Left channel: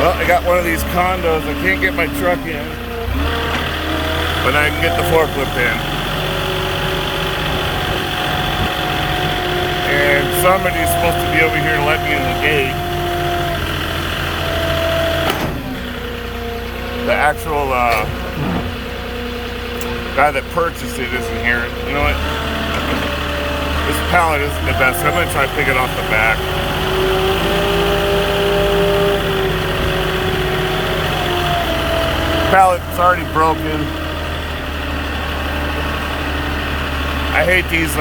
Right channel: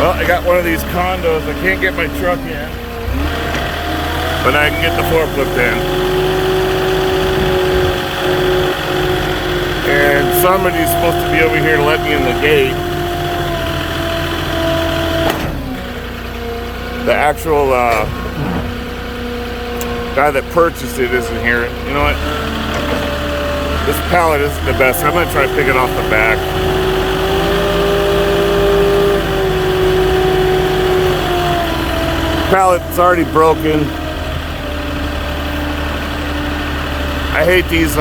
Well, I got one of these condos. I can't get my truck in, but I can get the forklift in. And somebody's supposed to be over here to let me in the gate. The actual guy that purchased it isn't here. You know what? This pallet isn't the best. I'm going to try to pick it off the back. Pallet's already broken. I hate these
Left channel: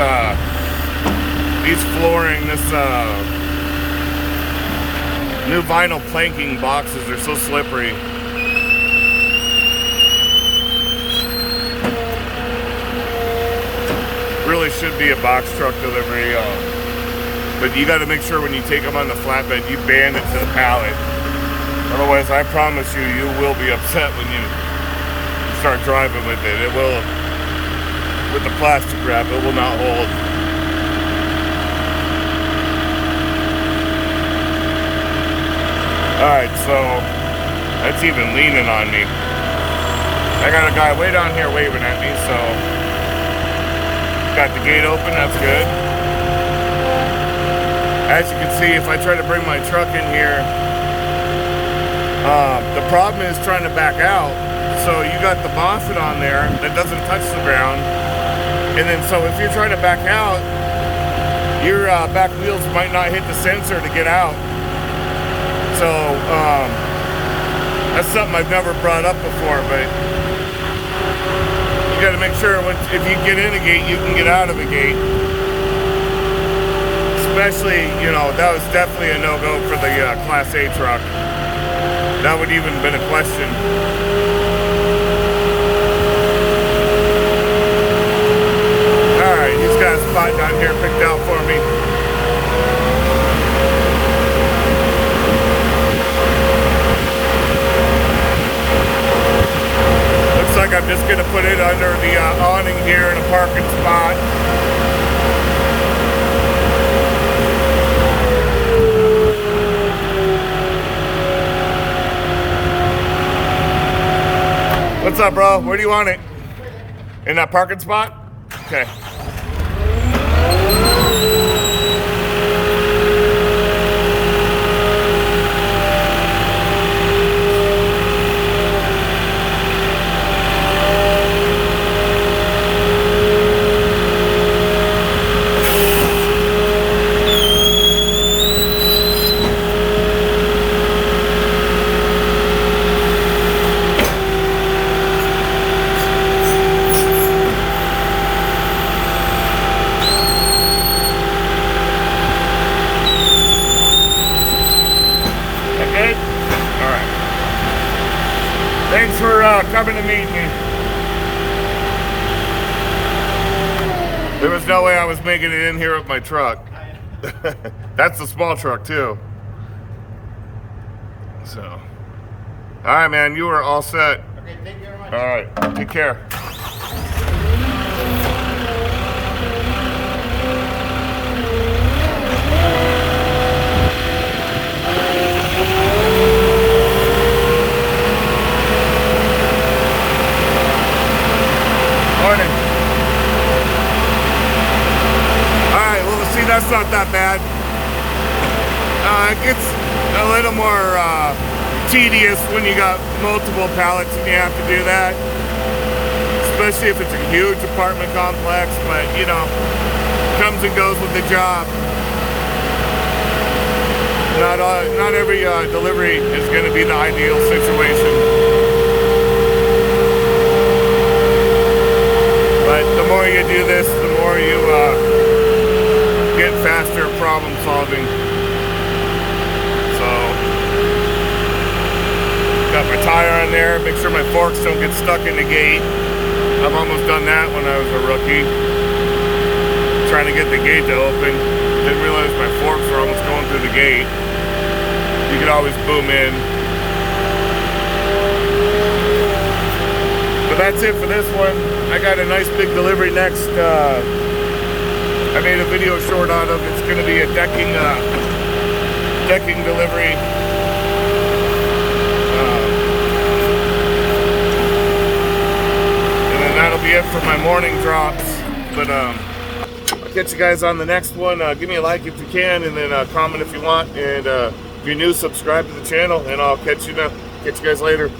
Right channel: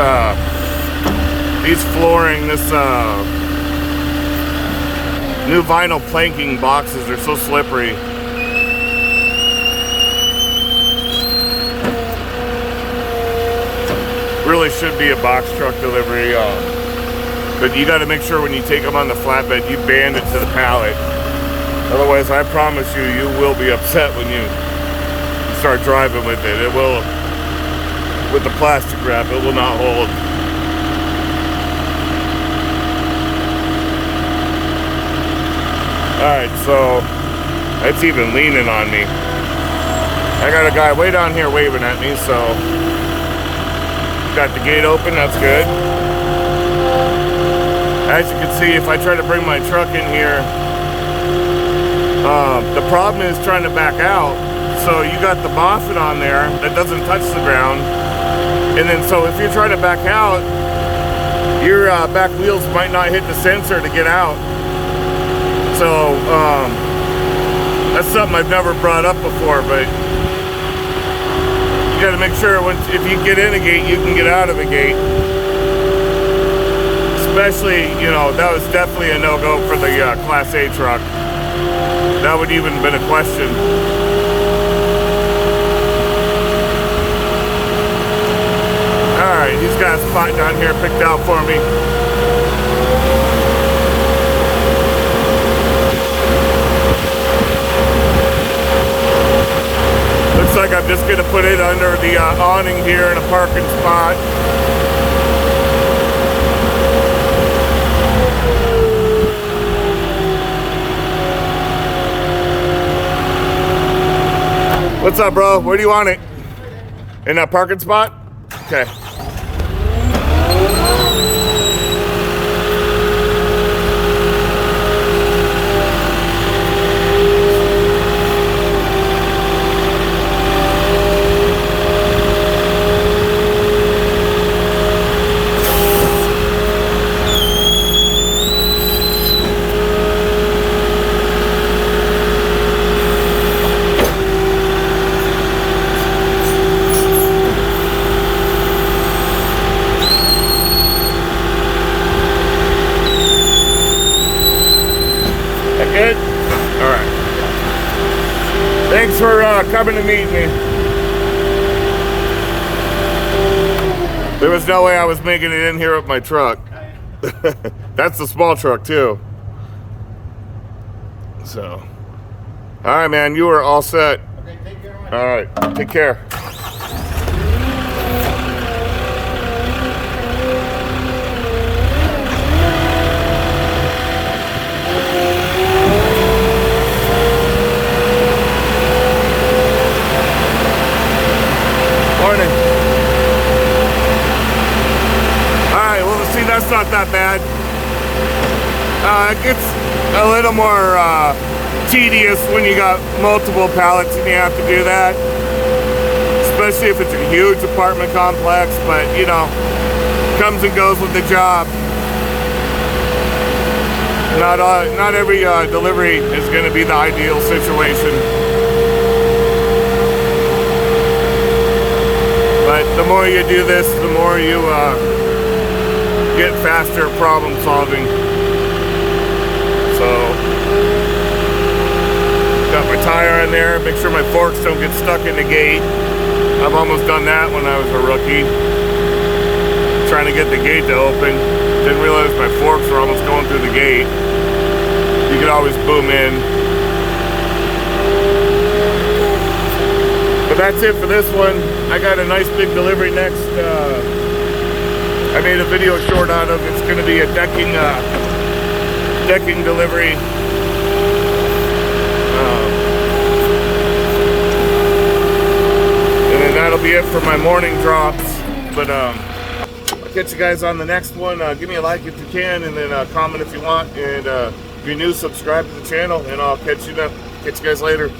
flooring, this new vinyl planking boxes. They're so slippery. Really should be a box truck delivery, but you got to make sure when you take them on the flatbed, you band it to the pallet. Otherwise, I promise you, you will be upset when you start driving with it. It will, with the plastic wrap, it will not hold. Alright, so that's even leaning on me. I got a guy way down here waving at me, so got the gate open, that's good. As you can see, if I try to bring my truck in here, the problem is trying to back out. So you got the Moffett on there that doesn't touch the ground, and then so if you try to back out, your back wheels might not hit the sensor to get out. So that's something I've never brought up before, but you got to make sure if you get in the gate, you can get out of the gate. Especially, you know, that was definitely a no-go for the Class A truck. That would even been a question. Alright, he's got a spot down here picked out for me. Looks like I'm just going to put it under the awning here in a parking spot. What's up, bro? Where do you want it? In that parking spot? Okay. Thanks for coming to meet me. There was no way I was making it in here with my truck. That's the small truck too. So, all right, man, you are all set. Okay, thank you very much. All right, take care. That's not that bad. It gets a little more tedious when you got multiple pallets and you have to do that, especially if it's a huge apartment complex, but you know, comes and goes with the job. Not every delivery is going to be the ideal situation, but the more you do this, the more you get faster problem solving. So, got my tire on there, make sure my forks don't get stuck in the gate. I've almost done that when I was a rookie, trying to get the gate to open. Didn't realize my forks were almost going through the gate. You can always boom in. But that's it for this one. I got a nice big delivery next. I made a video short on it. It's going to be a decking delivery. for my morning drops. But I'll catch you guys on the next one. Give me a like if you can, and then comment if you want. And if you're new, subscribe to the channel, and I'll catch you guys later.